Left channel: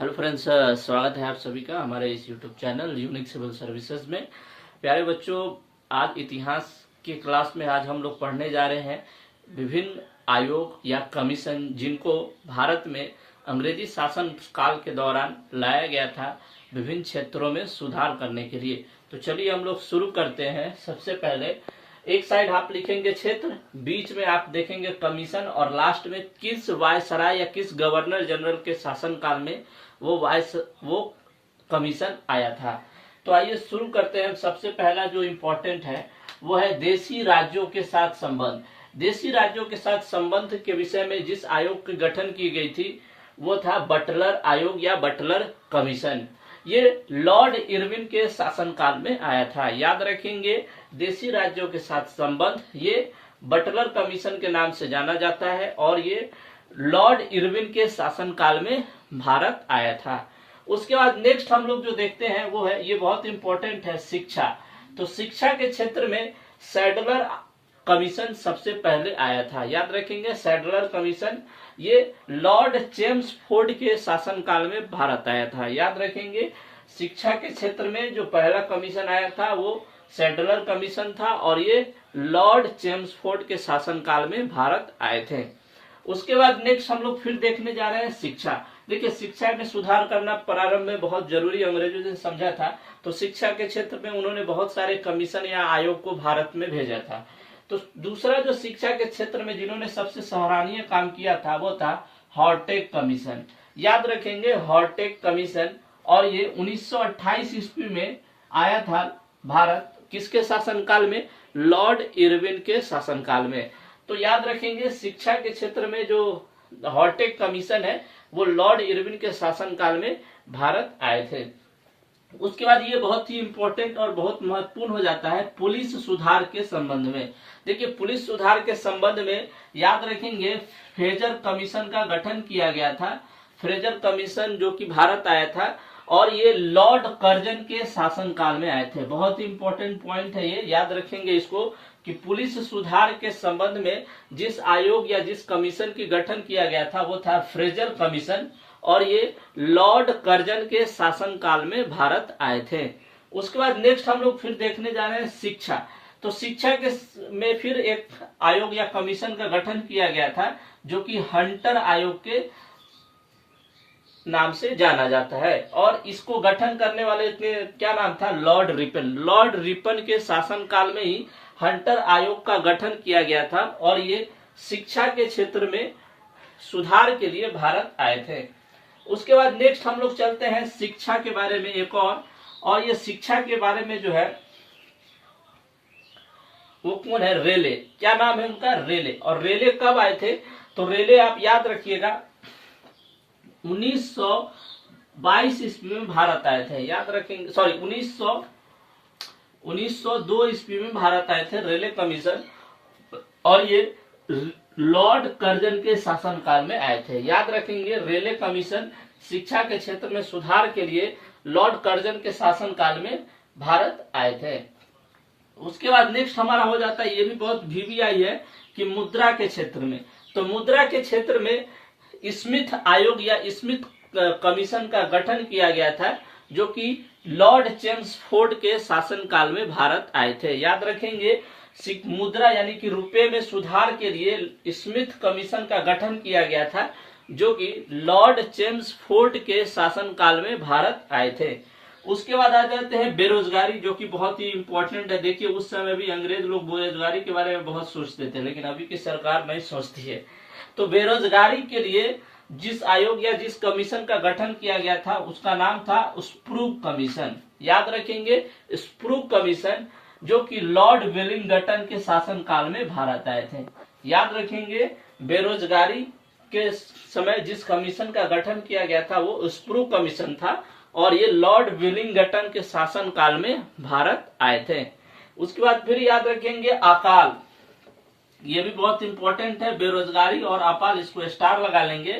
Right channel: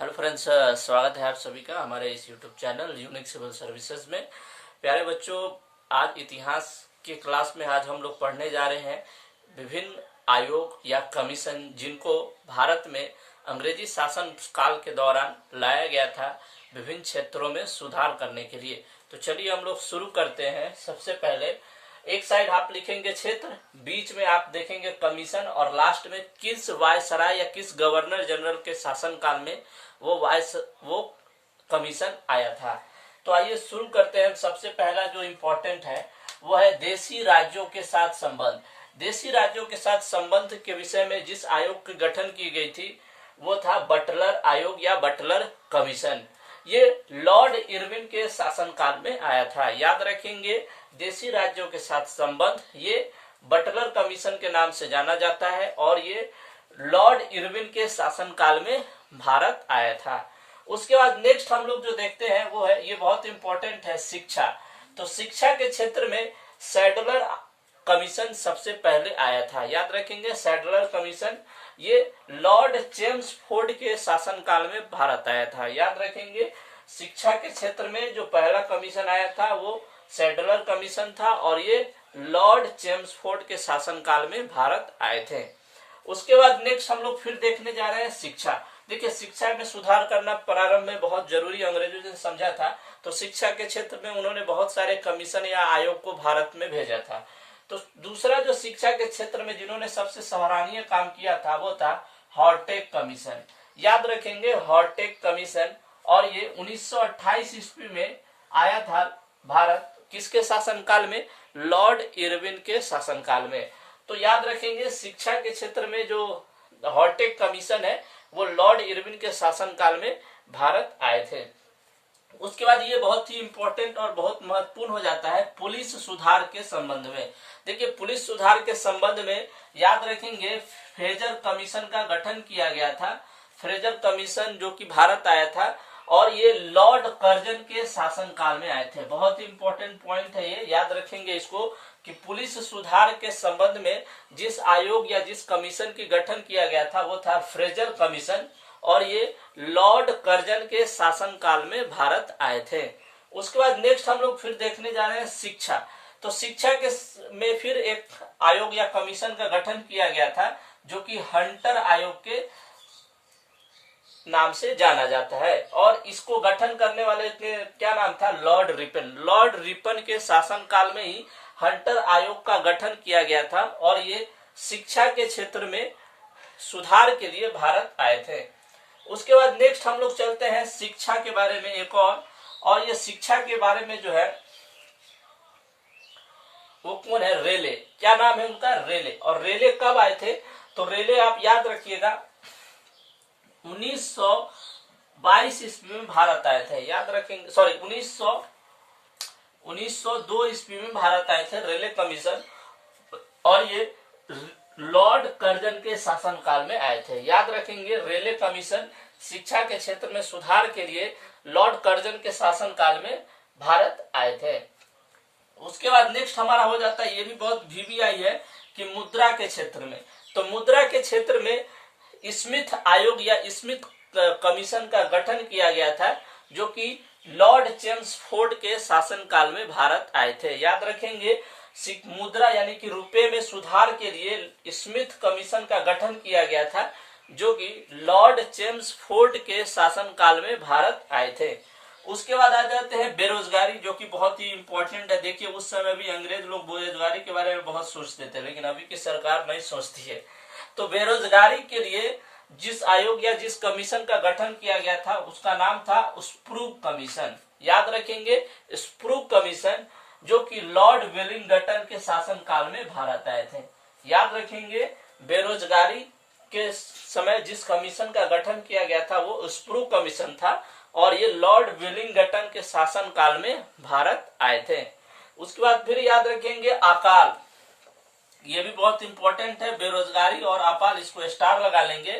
Hello friends, स्वागत है आप सभी का हमारे इस YouTube channel unique civil services में। प्यारे बच्चों, आज इतिहास के क्लास में आज हम लोग पढ़ने जा रहे हैं विभिन्न आयोग या कमीशन जिनको भारत में अंग्रेजी शासन काल के दौरान लाया गया था विभिन्न क्षेत्रों में सुधार करने के लिए। तो चलिए हम लोग शुरू करते हैं। सबसे पहले एक साइड आप लिखेंगे क्षेत्र, बीच में आप देखेंगे कमीशन और लास्ट में किस वायसराय या किस गवर्नर जनरल के शासन काल में वो कमीशन आया था। तो आइए शुरू करते हैं। सबसे पहला जो इम्पोर्टेंट है वो है देशी राज्यों के साथ संबंध। देशी राज्यों के साथ संबंध के विषय में जिस आयोग की गठन की गई थी वो था बटलर आयोग या बटलर कमीशन। ये लॉर्ड इरविन के शासनकाल में आया था। याद रखेंगे, देशी राज्यों के साथ संबंध ये बटलर कमीशन के नाम से जाना जाता है और ये लॉर्ड इरविन के शासनकाल में भारत आया था। उसके बाद नेक्स्ट हम लोग जो देखते हैं वो है, ये बहुत इंपॉर्टेंट है, शिक्षा। तो शिक्षा के क्षेत्र में सैडलर कमीशन सबसे पहले आया था। याद रखेंगे, सैडलर कमीशन ये लॉर्ड चेम्सफोर्ड के शासनकाल में भारत आया था। याद रखेंगे, शिक्षा के क्षेत्र में जो पहला कमीशन आया था वो सैडलर कमीशन था और ये लॉर्ड चेम्सफोर्ड के शासनकाल में भारत आए थे। उसके बाद नेक्स्ट हम लोग फिर देखने जा रहे हैं शिक्षा। देखिए, शिक्षा में सुधार करना प्रारंभ में बहुत जरूरी अंग्रेजों ने समझा था। तो शिक्षा के क्षेत्र में उन्होंने बहुत सारे कमीशन या आयोग को भारत में भेजा था। तो दूसरा जो शिक्षा के क्षेत्र में जिन्होंने सबसे सराहनीय काम किया था वो था हॉर्टेक कमीशन। याद रखेंगे, हॉर्टेक कमीशन, और ये 1928 ईस्वी में आया था भारत। किसके शासनकाल में? लॉर्ड इरविन के शासनकाल में। तो याद रखेंगे, शिक्षा के क्षेत्र में जो हॉर्टेक कमीशन है वो लॉर्ड इरविन के शासनकाल में भारत आए थे। उसके बाद ये बहुत ही इंपॉर्टेंट और बहुत महत्वपूर्ण हो जाता है पुलिस सुधार के संबंध में। देखिए, पुलिस सुधार के संबंध में याद रखेंगे फ्रेजर कमीशन का गठन किया गया था। फ्रेजर कमीशन जो कि भारत आया था और ये लॉर्ड कर्जन के शासनकाल में आए थे। बहुत ही इंपॉर्टेंट पॉइंट है ये, याद रखेंगे इसको कि पुलिस सुधार के संबंध में जिस आयोग या जिस कमीशन की गठन किया गया था वो था फ्रेजर कमीशन और ये लॉर्ड कर्जन के शासनकाल में भारत आए थे। उसके बाद नेक्स्ट हम लोग फिर देखने जा रहे हैं शिक्षा। तो शिक्षा के में फिर एक आयोग या कमीशन का गठन किया गया था जो कि हंटर आयोग के नाम से जाना जाता है और इसको गठन करने वाले क्या नाम था? Lord Ripon. लॉर्ड रिपन के शासनकाल में ही हंटर आयोग का गठन किया गया था और ये शिक्षा के क्षेत्र में सुधार के लिए भारत आए थे। उसके बाद नेक्स्ट हम लोग चलते हैं शिक्षा के बारे में एक और ये शिक्षा के बारे में जो है वो कौन है? रेले। क्या नाम है उनका? रेले। और रेले कब आए थे? तो रेले आप याद रखिएगा 1922 ईस्वी में भारत आए थे। याद रखेंगे, सॉरी 1902 ईस्वी में भारत आए थे रेले कमीशन और ये लॉर्ड कर्जन के शासनकाल में आए थे। याद रखेंगे, रेले कमीशन शिक्षा के क्षेत्र में सुधार के लिए लॉर्ड कर्जन के शासनकाल में भारत आए थे। उसके बाद नेक्स्ट हमारा हो जाता है, ये भी बहुत VVI है कि मुद्रा के क्षेत्र में। तो मुद्रा के क्षेत्र में स्मिथ आयोग या स्मिथ कमीशन का गठन किया गया था जो कि लॉर्ड चेम्सफोर्ड के शासनकाल में भारत आए थे। याद रखेंगे, मुद्रा यानी कि रुपए में सुधार के लिए स्मिथ कमीशन का गठन किया गया था जो कि लॉर्ड चेम्सफोर्ड के शासनकाल में भारत आए थे। उसके बाद आ जाते हैं बेरोजगारी, जो कि बहुत ही इंपॉर्टेंट है। देखिए, उस समय भी अंग्रेज लोग बेरोजगारी के बारे में बहुत सोचते थे लेकिन अभी की सरकार नहीं सोचती है। तो बेरोजगारी के लिए जिस आयोग या जिस कमीशन का गठन किया गया था उसका नाम था स्प्रूग कमीशन। याद रखेंगे, स्प्रूग कमीशन जो कि लॉर्ड वेलिंगटन के शासनकाल में भारत आए थे। याद रखेंगे, बेरोजगारी के समय जिस कमीशन का गठन किया गया था वो स्प्रूग कमीशन था और ये लॉर्ड वेलिंगटन के शासनकाल में भारत आए थे। उसके बाद फिर याद रखेंगे अकाल, ये भी बहुत इंपॉर्टेंट है। बेरोजगारी और अकाल, इसको स्टार लगा लेंगे।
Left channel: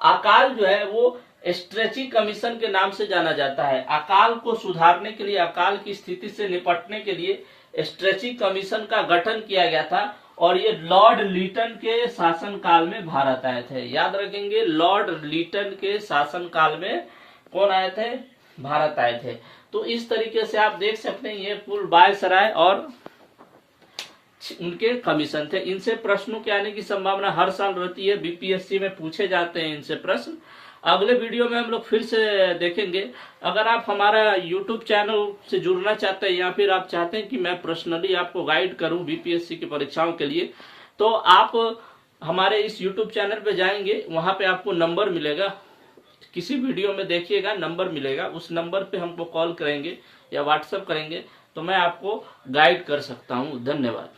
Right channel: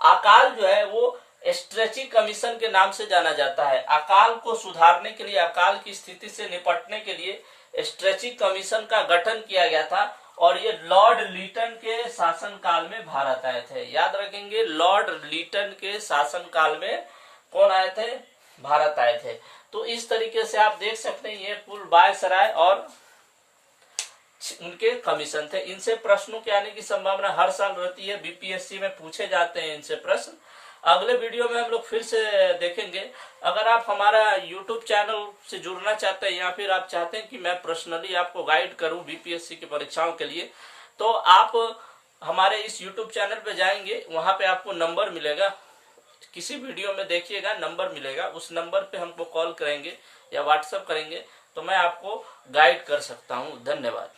अकाल जो है वो स्ट्रेची कमीशन के नाम से जाना जाता है। अकाल को सुधारने के लिए, अकाल की स्थिति से निपटने के लिए स्ट्रेची कमीशन का गठन किया गया था और ये लॉर्ड लीटन के शासनकाल में भारत आए थे। याद रखेंगे, लॉर्ड लीटन के शासनकाल में कौन आए थे, भारत आए थे। तो इस तरीके से आप देख सकते हैं ये पुल वायसराय और उनके कमीशन थे। इनसे प्रश्नों के आने की संभावना हर साल रहती है, बीपीएससी में पूछे जाते हैं इनसे प्रश्न। अगले वीडियो में हम लोग फिर से देखेंगे। अगर आप हमारा यूट्यूब चैनल से जुड़ना चाहते हैं या फिर आप चाहते हैं कि मैं पर्सनली आपको गाइड करूं बीपीएससी की परीक्षाओं के लिए, तो आप हमारे इस यूट्यूब चैनल पे जाएंगे, वहां पे आपको नंबर मिलेगा, किसी वीडियो में देखिएगा नंबर मिलेगा, उस नंबर पे हमको कॉल करेंगे या व्हाट्सएप करेंगे तो मैं आपको गाइड कर सकता हूं। धन्यवाद।